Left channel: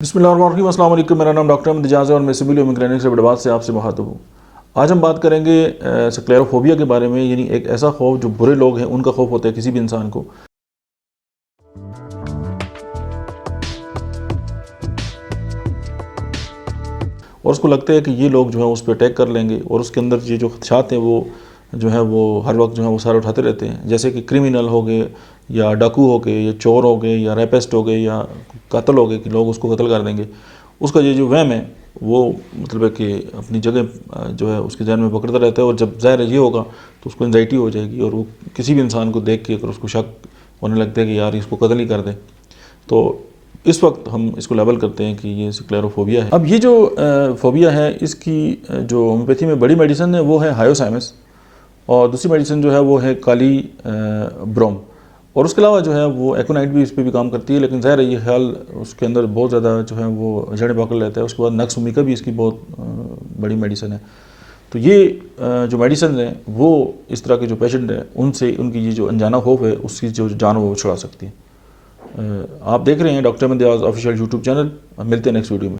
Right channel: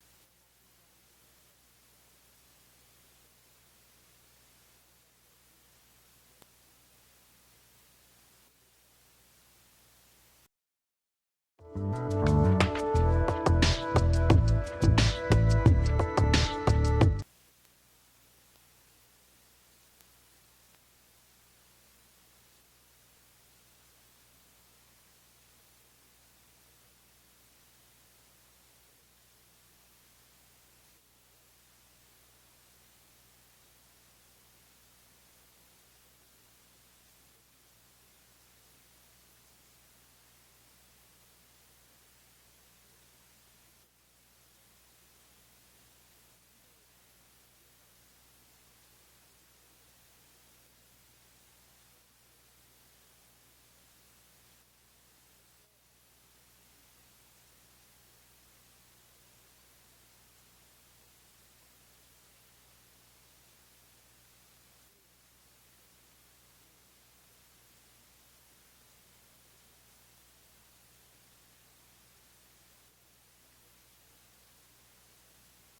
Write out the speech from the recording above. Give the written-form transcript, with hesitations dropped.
बिस्मिल्लाहिर्रहमानिर्रहीम, अस्सलाम वालेकुम। मेरा नाम डॉक्टर अहमद इजाज़ है और मैं सिविल ह्यूमन क्लिनिक से बड़बाद से आपसे मुखातिब हूँ। आज हम बात करेंगे स्क्लेरोफोबिया के बारे में, यानी एक ऐसा खौफ जो बुरे लोग हैं उनका खौफ होता है किसी भी इंसान को। और उसको लगता है कि ये लोग जो है उस पर अटैक कर लेंगे और उसके अंदर ये जो खदशात हैं वो जो है वो हर वक्त जो है वो सारे उठाते रहते हैं, जैसे कि क्रिमिनल हो गए या डाकू हो गए या चोर हो गए या रेपिस्ट हो गए या कातल हो गए कि लोग उसको कत्ल कर देंगे। उसका ये जो वहम है वो मतलब है कि अपनी जगह जो है उसके जहन में पकड़ता रहता है, और जब ज़ाहिर ये होगा तो उसको एंजाइटी हो जाएगी और वो किसी भी इंसान को देख के अगर उसको शक होने लगता है कि यार इसको कत्ल ही कर दें, तो इस वक्त हम इसको लेबल करते हैं कि ये स्क्लेरोफोबिया है। अब ये जो फोबिया है इसकी जो होम्योपैथी में बड़ी मेडिसिन है वो है हायोसाइमस, और दूसरी मेडिसिन जो है वो है काली ब्रोम, और उसके अलावा जो है वो एकोनाइट भी इस पर भी काम करती है, लेकिन ज़ाहिर है ये ख्याल उसके अंदर बहुत ज़्यादा जो है वो जड़ें पकड़ लेता है। उसके बाद नक्स उम्मी का भी इसकी बहुत बड़ी मेडिसिन है। तो ये जो मेडिसिन है वो इस तरह के जो पेशेंट हैं उनसे उनकी ये जो अनजाना खौफ है उसकी जो जान वो छुड़ा सकती है। आप देख रहे हैं doctor Ahmad Ijaz official YouTube channel. मिलते हैं नेक्स्ट वीडियो में।